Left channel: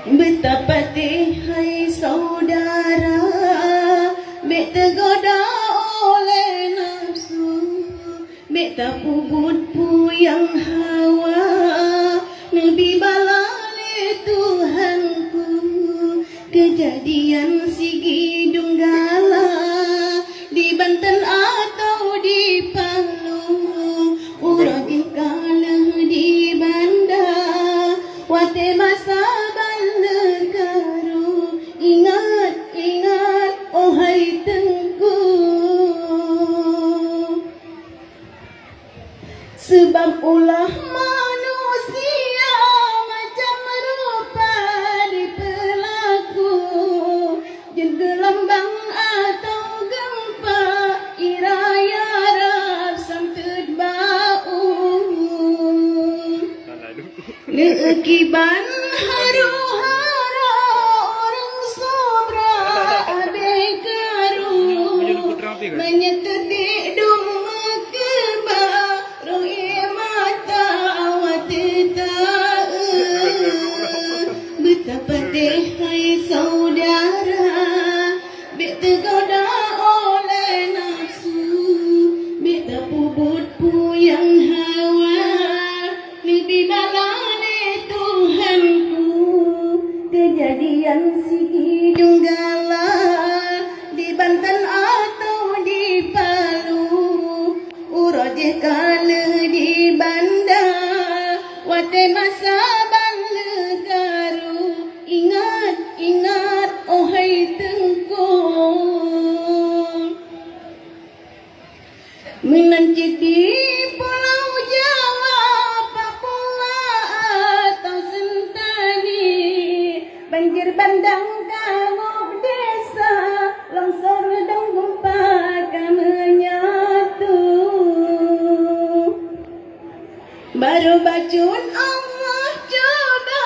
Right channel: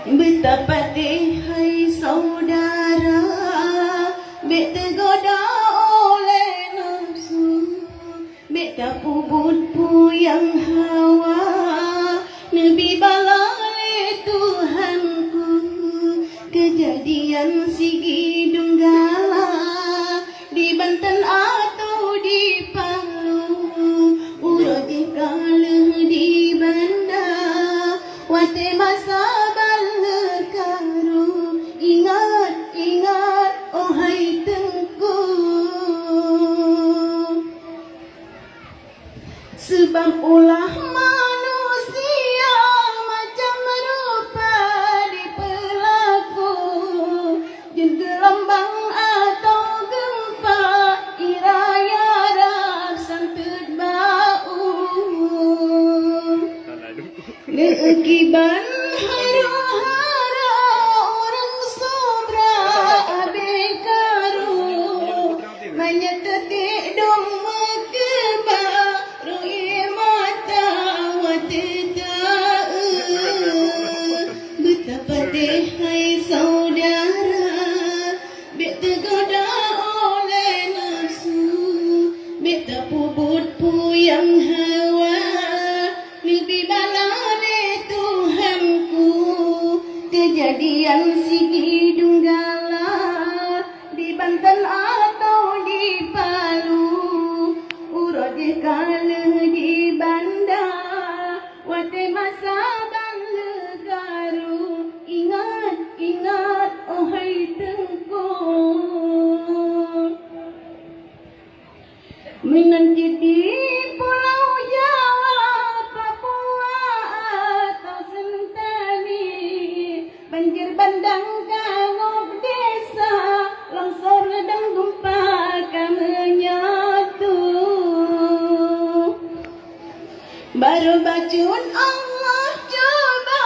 Betapa hai saudara, bek tergoda oleh nafsu, bek tapubut puyang hawa, Nabi balale Tuhanku, kejadian Sigi Dunggala, di Banten atau di Palu, uroji kalah di Banda, wate masa sebab ulah manusia macam rupa dipelaku, jen gelombang atau gempa iraya Arab santut bau lekiban haru-hara orang sobra abekaru menyetetik dum betapa hai saudara, bek tergoda oleh nafsu, bek terpubut puyang hawa, lebih balane Tuhanku, kejadian Sigi Dunggala, di Banten atau di Palu, uroje kalah di Banda, wate masa ingat, ohai Tengku, menanti di Pulau Jawa, Papua atau Sentani, banjir bandang kangop desa, longsor dan gempa menyatu, baru bacun Allah coba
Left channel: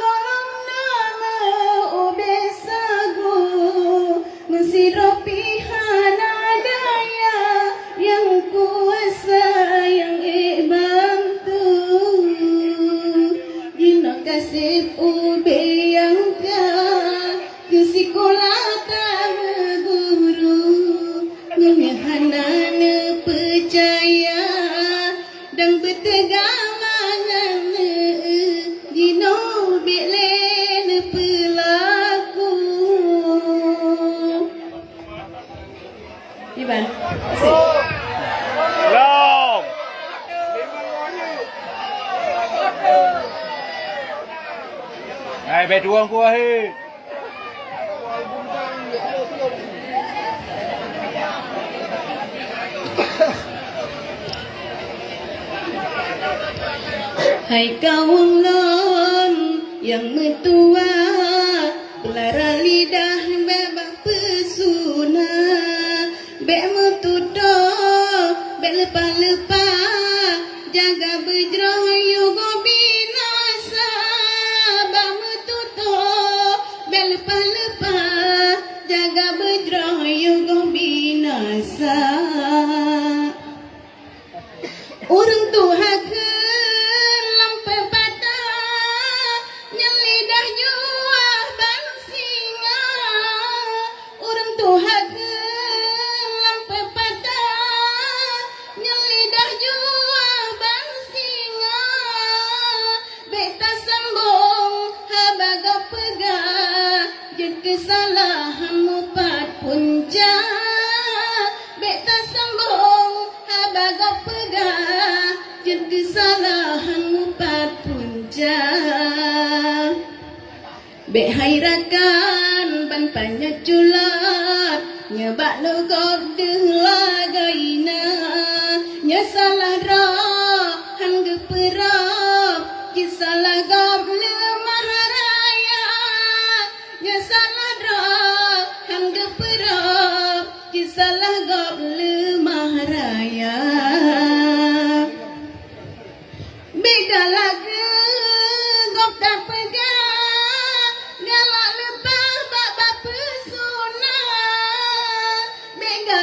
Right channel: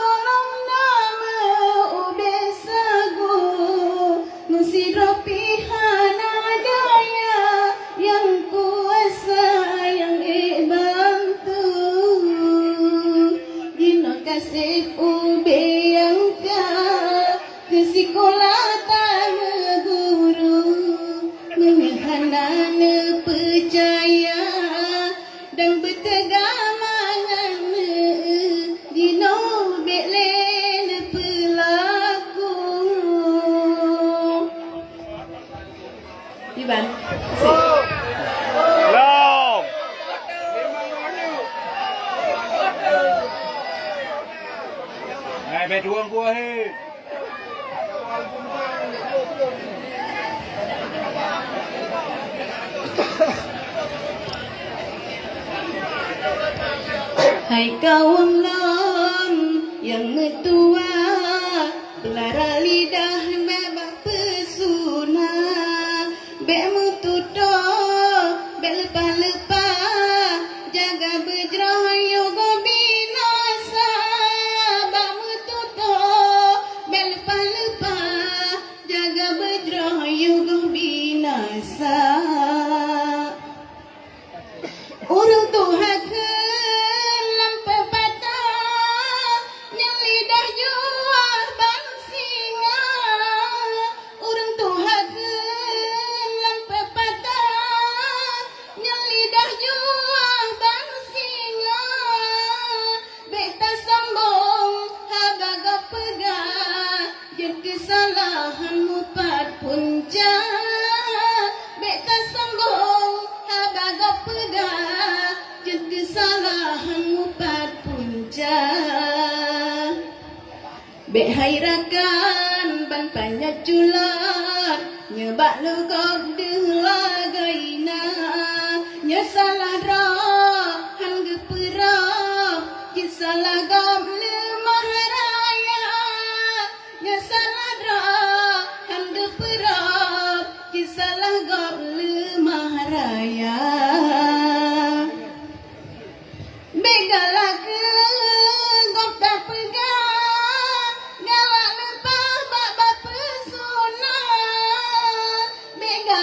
golong nama ubesagu, mesiropi hana daya yang kuasa yang bantu, dino kasih ube yang ke sekolah tak guru, menyahana percaya dan bertegamangan dino beklen pelaku. Iban, Long. Hai, betuang ku ahi. hai kaum lon yang metua, pelara lidah babak pesuna, bek metuto, bek lepas-lepas, jaga berjrah yugo binasa, bak metuto, bek lepas-lepas, jaga berjrah yugo binasa. Urung Tuhan ke kesalahanmu pat punca, bek tak sembung habagap pegah, jen kesalahanmu pat punca, bek hairakan ban panyak culat, nyebak legok deh lagaina, nya salah roh han geperap, kisalah gop lemah raya, nya salah roh han geperap, kisalah gop lemah raya. Beda lagi gop tak pegang, galak lepas bak bapa sunat, beda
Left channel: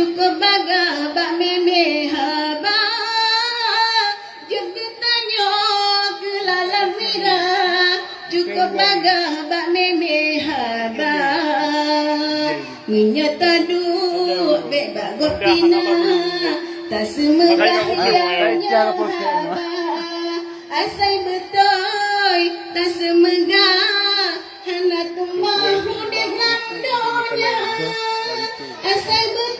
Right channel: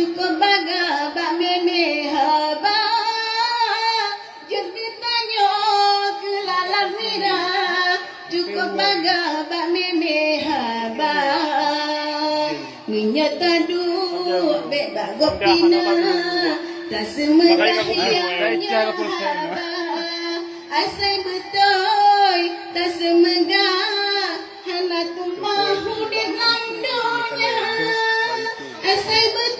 cukup baga bak meme haba jadi tanya ke lalan mira cukup baga bak meme haba menyata duk bek bak gopina tak semerah yang haba asai betul tak semegah hana tumah hudip landonya asai betul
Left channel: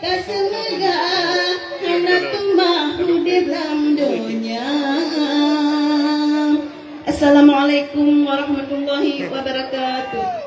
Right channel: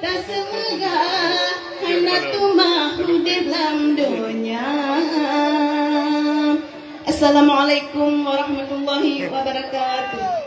tak semegah hana tumah hudip landonya. Assalamualaikum warahmatullahi wabarakatuh.